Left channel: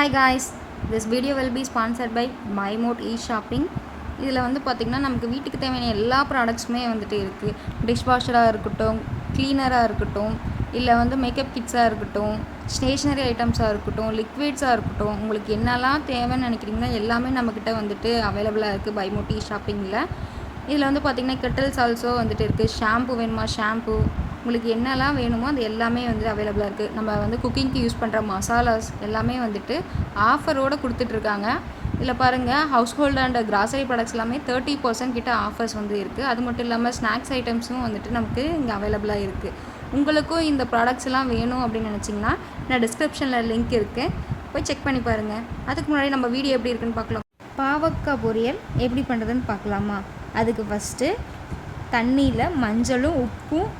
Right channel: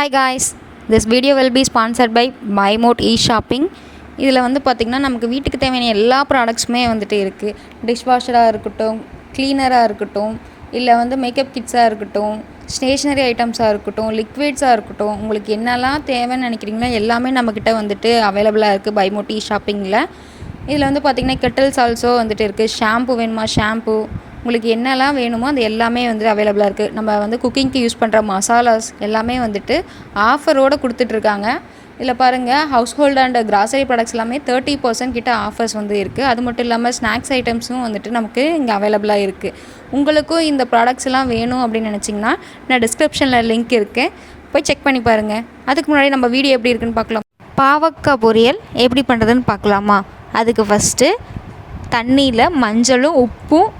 Hi guys, this video will be sponsored by MyMote e-shopping. இதில் வந்து பார்த்திங்கன்னா நமக்கு வீட்டுக்கு தேவையான எல்லா ப்ராடக்ட்ஸுமே வந்துட்டு இருக்குது. டிஷ்வாஷராக இருக்கட்டும், க்ளீனராக இருக்கட்டும், இல்லை வந்து மேக்கப் கிட்ஸாக இருக்கட்டும், ஸ்டேஷ்னரி ஐட்டம்ஸாக இருக்கட்டும், லிக்விட்ஸாக இருக்கட்டும், உங்களுக்கு என்னெல்லாம் தேவைன்னு நினைக்கிறீங்களோ எல்லாமே நம்மக்கிட்ட வந்துட்டு அவைலபிளாக இருக்குது MyMote e-shoppingல. இதில் வந்து பார்த்திங்கன்னா கெட்டில்ஸ் ஆல்சோ வந்துட்டு இருக்குது. ஷாம்பு வேணுமா ஷாம்பு, உங்களுக்கு என்னெல்லாம் வேணுமோ அது எல்லாமே வந்து அவைலபிளாக இருக்குது. நம்ம வந்து குக்கிங்க்கு யூஸ் பண்ணுற மசாலாஸ் எல்லாமே வந்துட்டு ஆஃபரோடு கொடுத்துட்ருக்காங்க. இதில் பாருங்கள், house hold and grocery products எல்லாமே 30% கிட்ட ஆஃபர்ஸ் வந்து இருக்குது. அது மட்டும் இல்லாமல் ஸ்நாக்ஸ் ஐட்டம்ஸும் வந்துட்டு நமக்கு இங்கே அவைலபிளாக இருக்குது. உங்களுக்கும் இந்த ப்ராடக்ட்ஸ் எல்லாம் வேணும் அப்படின்னு நினச்சிங்கன்னா நான் டிஸ்கிரிப்ஷனில் லிங்க் இருக்குது, போய் செக் பண்ணி பாருங்கள். அதுக்கு முன்னாடி நம்ம வீடியோ எப்படி இருக்குன்னு பார்க்கலாம். பாவக்காய் பொரியல் எப்படி பண்ணுறதுன்னு பார்க்கலாமா? அதுக்கு ஃபஸ்ட்டு தண்ணியில் மஞ்சளும் உப்பும்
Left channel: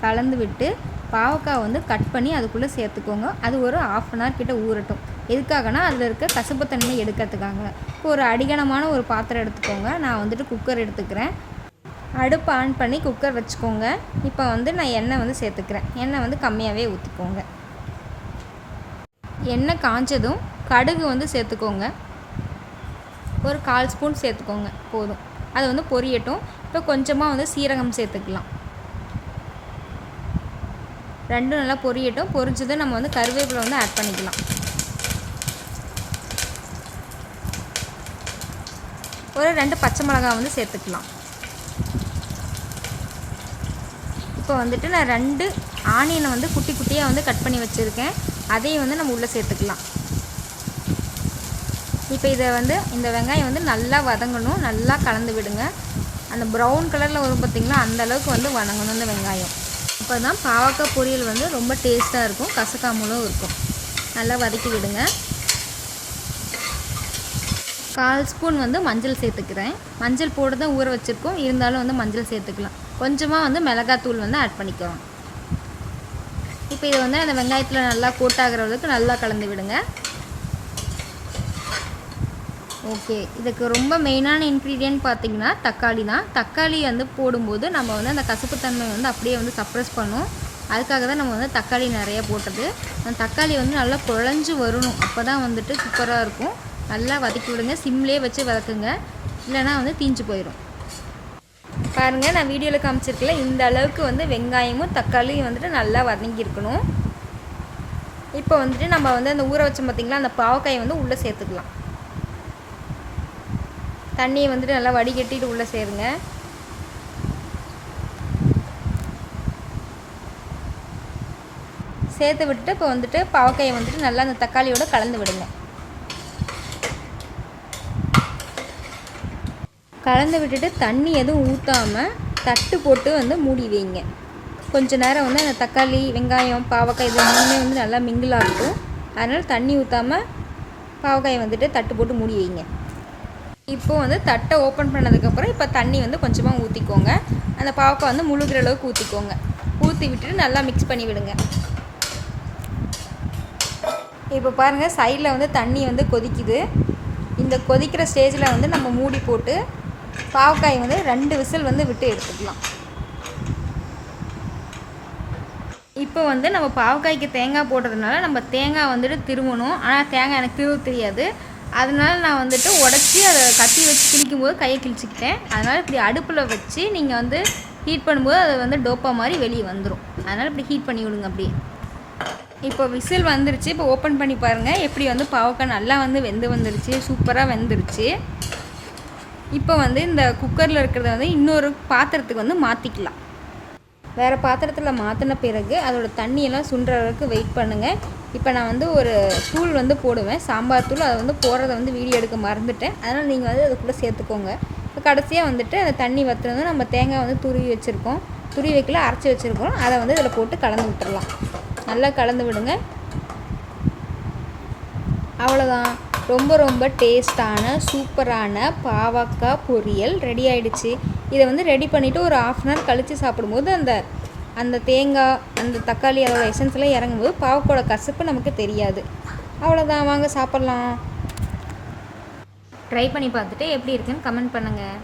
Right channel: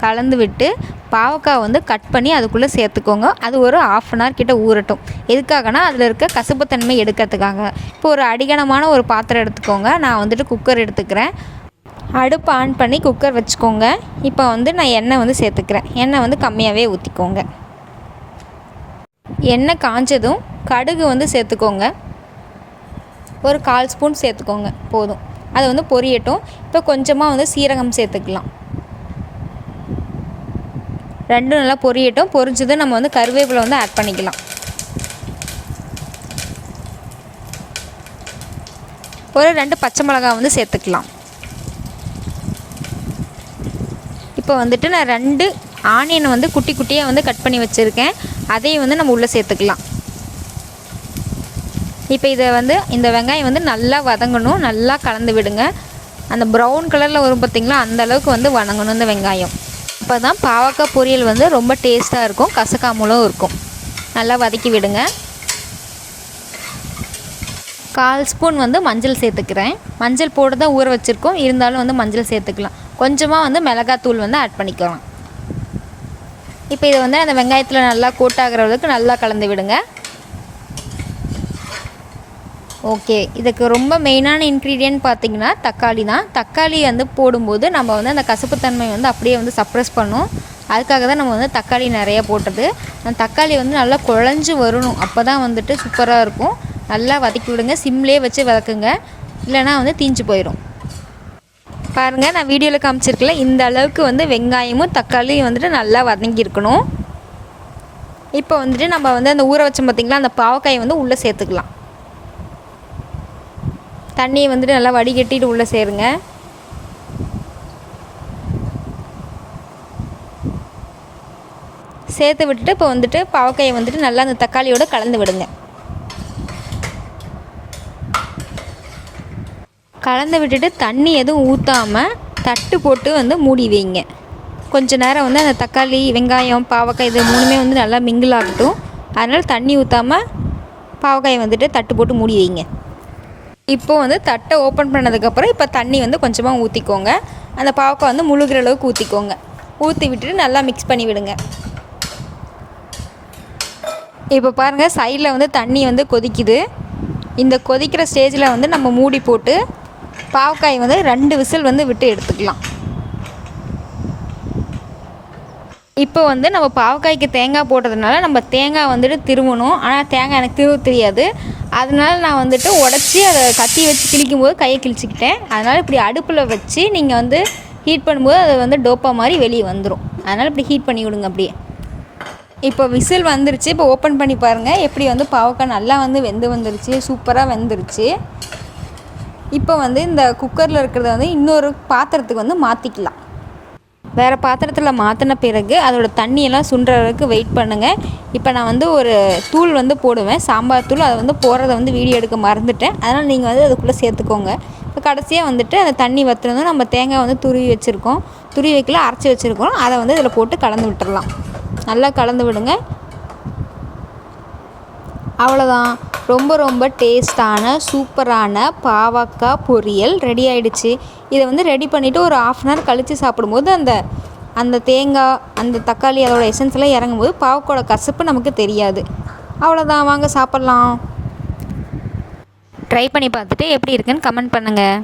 கலந்து விட்டு பாவக்காய் வந்து கட் பண்ணி அதுக்குள்ளே சேர்த்துக்கோங்க. அது ஒரு 1/2 அன் ஹவர் கிட்ட ஊறட்டும். எதுக்காகனா அதில் இருக்க கசப்புத்தன்மை எடுக்கிறதுக்காக. இப்போ ஒரு அடிகனமான ஒரு பாத்திரம் எடுத்துக்கோங்க. நான் வந்துட்டு குக்கர் எடுத்துக்கிறேன். அடுப்பு ஆன் பண்ணி குக்கர் வச்சுக்கோங்க. இப்போ வந்து நான் எண்ணெய் வந்து சேர்த்துக்கிறேன். எண்ணெய் வந்து கம்மியாகவே ஊற்றிக்கோங்க. எண்ணெய் காஞ்சதும் கடுகு வந்து சேர்த்துக்கோங்க. ஒரு 1/4 ஸ்பூன் சேர்த்துக்கோங்க, போதும். அது வந்து பொரியட்டும். இப்போ கொஞ்சமாக வந்து சீரகம் சேர்த்துக்கலாம். ரெண்டும் நல்லா பொரியட்டும். பொரிஞ்சது நம்ம வந்து கருவேப்பிலை வந்து ஆட் பண்ணிக்கலாம். ஒரு 2 பச்சை மிளகாய் வந்து சேர்த்துக்கலாம். இப்போ வந்துட்டு நான் 2 ஆனியன் வந்து குட்டி குட்டியாக வந்து கட் பண்ணி வச்சுருக்கேன். அதையும் வந்து நம்ம உள்ளே சேர்த்துக்கலாம். இப்போ இதை வந்து இந்த வெங்காயம் வந்து நல்லா வதங்கணும். நல்லா கலந்து விடுங்க. அந்த ப்ரௌன் கலரில் வரும் பார்த்திங்களா, அந்த அளவுக்கு வந்து வதங்கணும் இந்த வெங்காயம். அப்போ தான் பாவக்காய் பொரியல் வந்து ரொம்ப டேஸ்ட்டாக இருக்கும், கசக்காமலும் இருக்கும். நல்லா வதக்கி விடுங்க. 1/4 ஸ்பூன் வந்து மஞ்சள் சேர்த்துக்கிறேன். மஞ்சள் போட்டு தான் ஊற வச்சுருக்கோம், இருந்தாலும் வந்து மஞ்சள் சேர்த்துக்கலாம். கொஞ்சமாக வந்து மிளகாத்தூள் வந்து ஆட் பண்ணிக்கலாம். இப்போ இதை வந்து அந்த வெங்காயத்தில் நல்லா கோட்டாகிற அளவுக்கு நல்லா கலந்து விடுங்க. ஓகே, இதுக்கு ரொம்ப மெயினான இன்க்ரீடியன்ட் பார்த்திங்கன்னா தக்காளி தான். தக்காளி வந்து போடும்போது நம்ம வந்து அந்த கசப்புத்தன்மை வந்து அப்படியே வந்து சப்ரஸ் பண்ணும். அதுக்காக தான் நம்ம வந்து தக்காளி நிறையா போட்டது. அந்த தக்காளி வந்து நல்லா குழஞ்சி வரணும். அப்போ தான் வந்துட்டு சூப்பராக இருக்கும். நல்லா வதக்கி விடுங்க. சிம்லேயே வச்சு வதக்குங்க, இல்லைனா வந்து தீஞ்சு போயிடும். பாருங்கள், நான் வீடியோவில் காமிச்சிருக்கல, இந்த அளவுக்கு வந்து வெங்காயமும் தக்காளியும் வந்துட்டு நல்லா வதங்கியிருக்கணும். இப்போ வந்துட்டு நம்ம வந்து அந்த ஊற வச்சோம் பார்த்திங்களா, அந்த பாவக்காயை வந்து உள்ளே சேர்த்துக்கலாம். தண்ணியை வந்துட்டு நல்லா வடிகட்டிட்டு உள்ளே சேருங்க. சேர்த்து விட்டுட்டு இப்போ வந்துட்டு பாவக்காயை வந்துட்டு நல்லா அந்த தக்காளியோடு கலந்து விடுங்க. கலந்து விட்டுட்டு தண்ணி எதுவும் ஊற்றாமல் தட்டு போட்டு வந்து மூடி வைங்க. கொஞ்ச நேரம் வந்து அந்த தக்காளி, வெங்காயம், பாவக்காய் இது மூணுமே வந்து நல்லா மிங்கிள் ஆகட்டும். அதனால் தண்ணி ஊற்றாமல் பாவக்காயை வந்துட்டு தட்டு போட்டு மூடி வைங்க. இப்போது வந்து தட்டை ஓப்பன் பண்ணதுக்கப்புறம் இப்போ தண்ணி வந்து கொஞ்சமாக ஊற்றிக்கோங்க. அந்த பாவக்காய் வந்து முழுகிற அளவுக்கு ஊற்றிக்கோங்க. ஊற்றி விட்டுட்டு நல்லா மிக்ஸ் பண்ணி விடுங்க. இப்போ பாருங்கள், சைடில் வந்து தண்ணி வந்து கொதிக்குது. இந்த கொதிக்கிற ஸ்டேஜில் வந்து நம்ம மூடி போட்டு பாவக்காய் வந்து 2 விசில் வந்து விட்டு எடுத்துக்கலாம். இப்போ வந்து நம்ம பாவக்காய்க்கு தேங்காய் போட்டதுனால நம்ம தேங்காய் வந்துட்டு திருவணும். ஆனால் தேங்காய் எனக்கு திருவ தெரியாது. அதனால் நான் வந்துட்டு உடச்சி அதை கத்தி வச்சு கிழிக்கும் போது கையை கிழிச்சிக்கிட்டேன். அதனால் இப்படி அடுப்பில் வச்சு நீங்கள் வந்து ஹீட் பண்ணும்போது அது வந்து டோப்பா மாதிரி வெளியே வந்துடும். அதனால் இப்படி ஹீட் பண்ணி விடுங்க அப்படியே. இப்போ விசில் வந்துருச்சு. இப்போ ஓப்பன் பண்ணி பாருங்கள், எப்படி வந்து பாவக்காய் நல்லா வந்து வந்துருச்சு. சூப்பராக வெந்துருச்சு. இப்போ வந்து இந்த குக்கரில் இருக்கிறத வந்து இன்னொரு பாத்திரத்துக்கு வந்து மாற்றிக்கலாம். வேறு பாத்திரத்தில் மாற்றின பிறகு அதோடய தண்ணியெல்லாம் சுண்டுற அளவுக்கு வெயிட் பண்ணுங்கள். இப்போ நான் வந்து ஒரு தூள் வந்து போடுவேன், சாம்பார் தூள். அதை வந்து போடுறத வந்து வீடியோ எடுக்க மறந்துட்டேன். அதனால் நீங்கள் வந்து அதுக்குள்ளே சேர்த்துக்கோங்க. இப்போ கடைசியாக வந்துட்டு அந்த தண்ணி வற்றுனதும் நம்ம தேங்காய் வந்து துருவி வச்சுருக்கோம், துருவி வைக்கல அரைச்சி வச்சுருக்கோம், அதை வந்து இதில் போட்டு கலந்து விட்டுடலாம். நல்லா கலந்து விடுங்க. அவ்வளோதான், ரொம்ப ரொம்ப டேஸ்டான சூப்பரான பாவக்காய் பொரியல் ரெடி ஆகிடுச்சு. இதை வந்து ரெடி பண்ணிவிட்டு ஒரு 1/2 அன் ஹவர் கழித்து சாப்பிடும்போது அந்த தேங்காய், அந்த தக்காளி, அதோட எசன்ஸ் எல்லாம் இறங்கும்போது பாவக்காயோட கசப்பு நமக்கு தெரியாது. அவ்வளோதான், வாங்க சாப்பிட்லாம். ட்ரை பண்ணி பார்த்துட்டு எப்படி இருக்குன்னு கமெண்ட் பண்ணுங்கள்.